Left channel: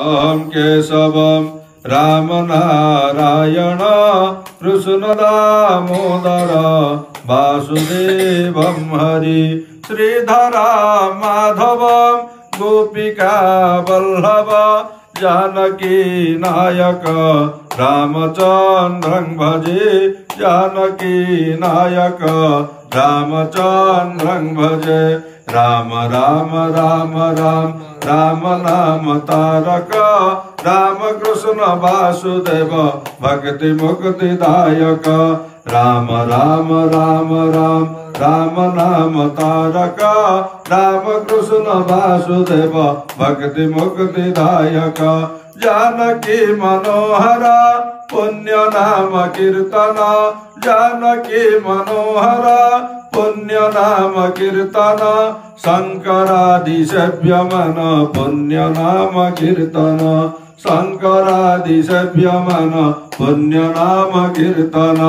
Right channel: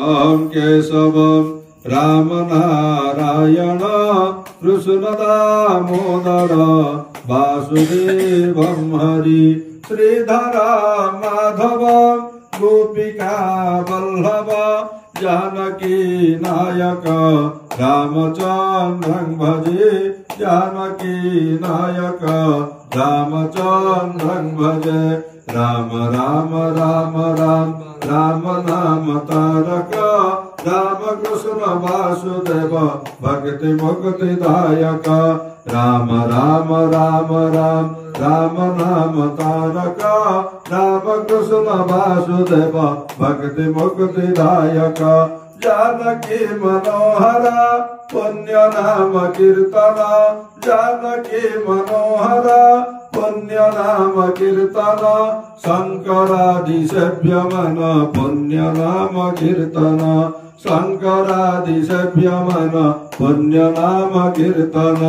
ओम केशवम राम नारायण कृष्ण दामोदर वासुदेवम हरि श्रीधर माधव गोपिका वल्लभ जानकी नायक रामचंद्रं भजे जानकी नायक रामचंद्रं भजे राम राम राम राम राम नाम तारक राम कृष्ण वासुदेव भक्ति मुक्ति दायक राम राम राम राम राम नाम तारक राम कृष्ण वासुदेव भक्ति मुक्ति दायक जानकी मनोहर पुण्य नाम कीर्तन जानकी मनोहर पुण्य नाम कीर्तन शंकरादि सेव्य मन पुण्य नाम कीर्तन शंकरादि सेव्य मन पुण्य नाम कीर्तन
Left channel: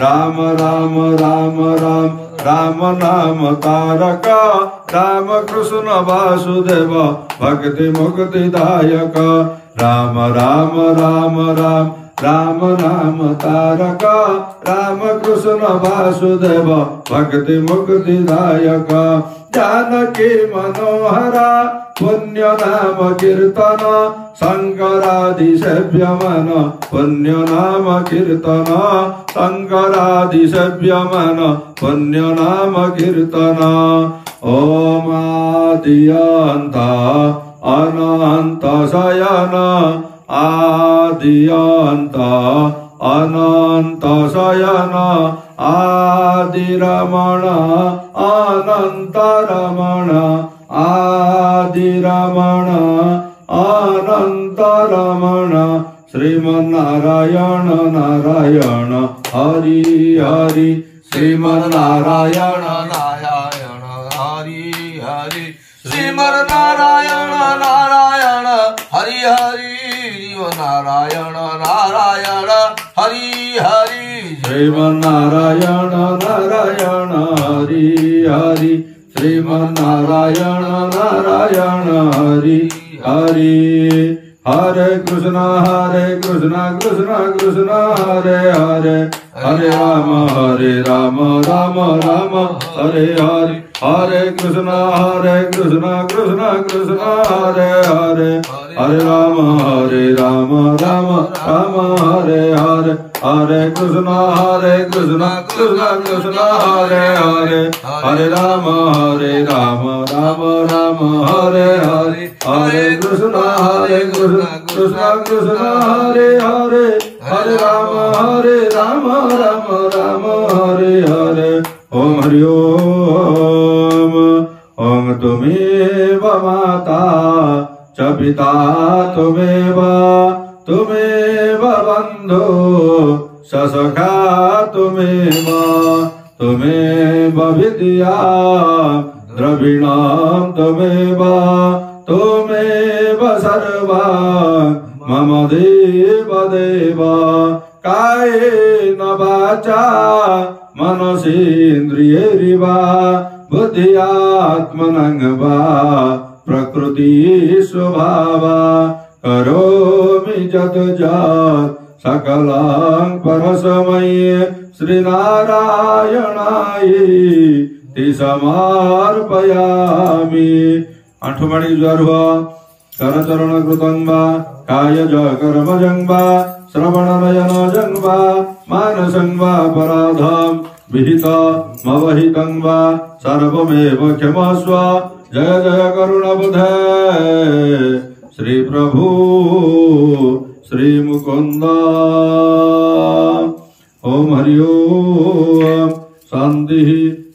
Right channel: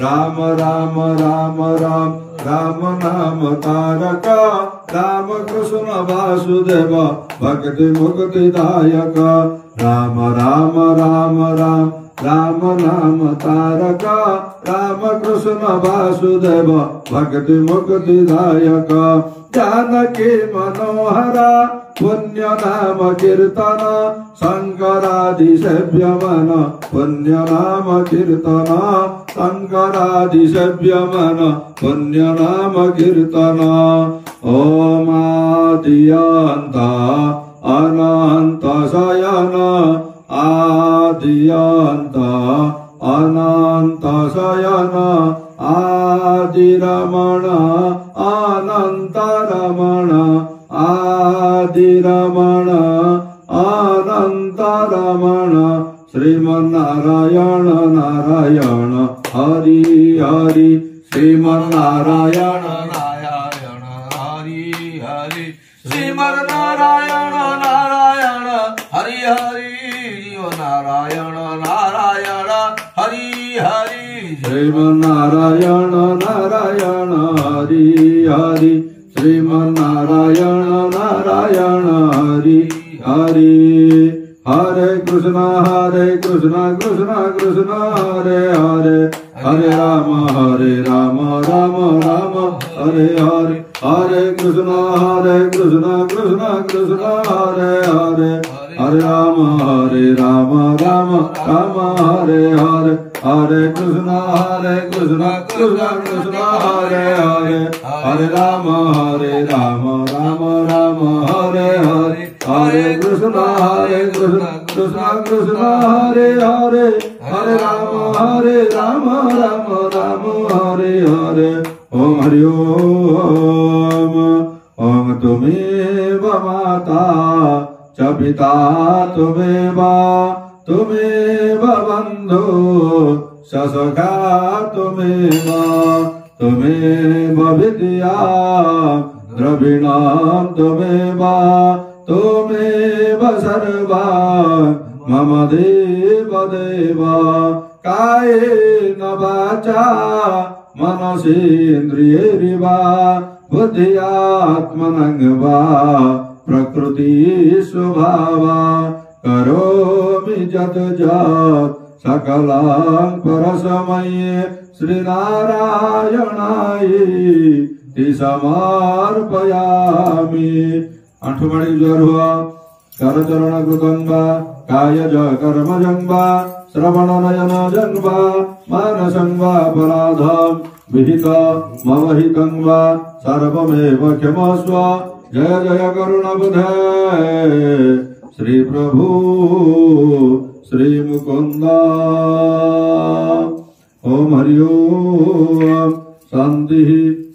राम राम राम राम राम नाम तारक राम कृष्ण वासुदेव भक्ति मुक्ति दायक राम राम राम राम राम नाम तारक राम कृष्ण वासुदेव भक्ति मुक्ति दायक जानकी मनोहर पुण्य नाम कीर्तन शंकरादि सेव्य मन पुण्य नाम कीर्तन शंकरादि सेव्य मन पुण्य नाम कीर्तन ओम आद्यंत अनंत शयन आद्यंत अनंत शयन आदि रमण अनंत रमण आदि रमण अनंत रमण श्रीमन्नारायण नारायण हरि हरि श्रीमन्नारायण नारायण हरि हरि श्रीमन्नारायण नारायण हरि हरि नारायण नारायण हरि हरि श्रीमन्नारायण नारायण हरि हरि श्रीमन्नारायण नारायण हरि हरि हरे कृष्ण कृष्ण कृष्ण हरे हरे हरे राम राम राम हरे हरे हरे कृष्ण कृष्ण कृष्ण हरे हरे हरे राम राम राम हरे हरे हरे कृष्ण कृष्ण कृष्ण हरे हरे हरे राम राम राम हरे हरे हरे कृष्ण कृष्ण कृष्ण हरे हरे हरे राम राम राम हरे हरे ओम हरि ओम तुमेव माता च पिता तुमेव बंधु स सखा तुमेव विद्या द्रविणं तुमेव सर्वा मम देव देव कायेन वाचा मनसेन्द्रियैर्वा बुद्ध्यात्मनं वा प्रकृति स्वभावा करोमि यत् यत् सकलं परस्मै श्रीनारायणाय समर्पयामि। आंठुमाड़ी ज्वर हुआ करचरण कृतं वा कायज कर्मजं वा श्रवणनयनजं वा मानसं वा अपराधं विहितमवहितं वा सर्वमेव क्षमस्व जय जय करुणबुधे श्री प्रभु श्री मुकुंद ओम हरि ओम शांति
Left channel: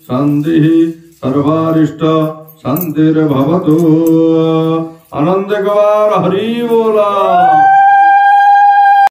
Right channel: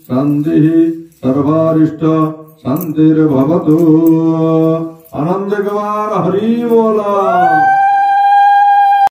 शांति सर्वारिष्ट शांतिर्भवतु आनंद गवार हरि बोला।